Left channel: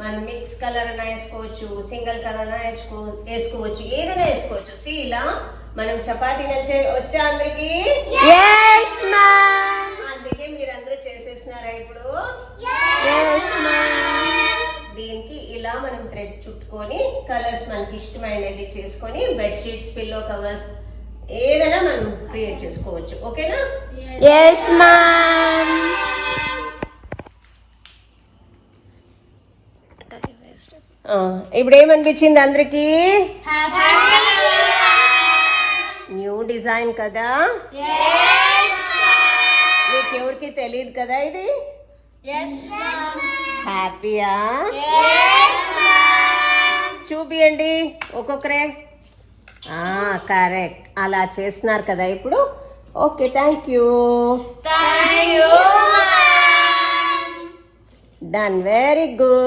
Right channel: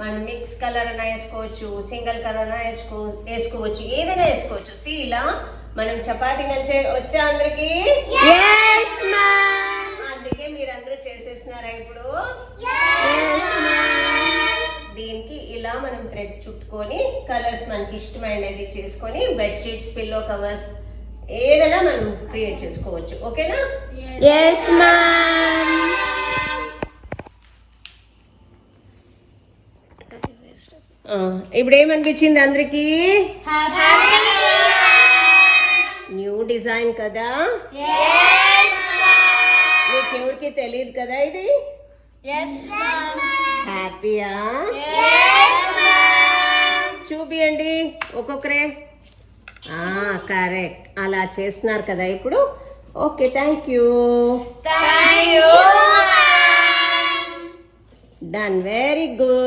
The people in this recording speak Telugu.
మనం మిక్స్ కలర్ అయినా వేసుకోవచ్చు, సింగిల్ కలర్ అయినా వేసుకోవచ్చు, ఏదైనా వేసుకోవచ్చు. సి ఇలా మనం చపాతీ వచ్చా అందరికి? అందుకే మీరందరూ చేసేస్తున్నారా ఇప్పుడు? దీనికి ఇలా మనం థ్రెడ్ చుట్టుకొని కలర్స్ మనకి ఇష్టమైనది చేసుకొని బెడ్షీట్స్, పిల్లో కవర్స్ ఏదైనా మనం క్రియేట్ చేసుకోవచ్చు. ఓకేనా? ఇప్పుడు ఏమనిపించింది అందరికి? న్యూ డిజైన్ కదా? మీకు ఎవరికి తెలియదు కదా ఇది? హ్యాపీయా? చూపియండి ఒక్కొక్కరే. కరెక్ట్, అలా చేస్తున్నారు కదా ఇప్పుడు. Okay, thank you. Done, very good.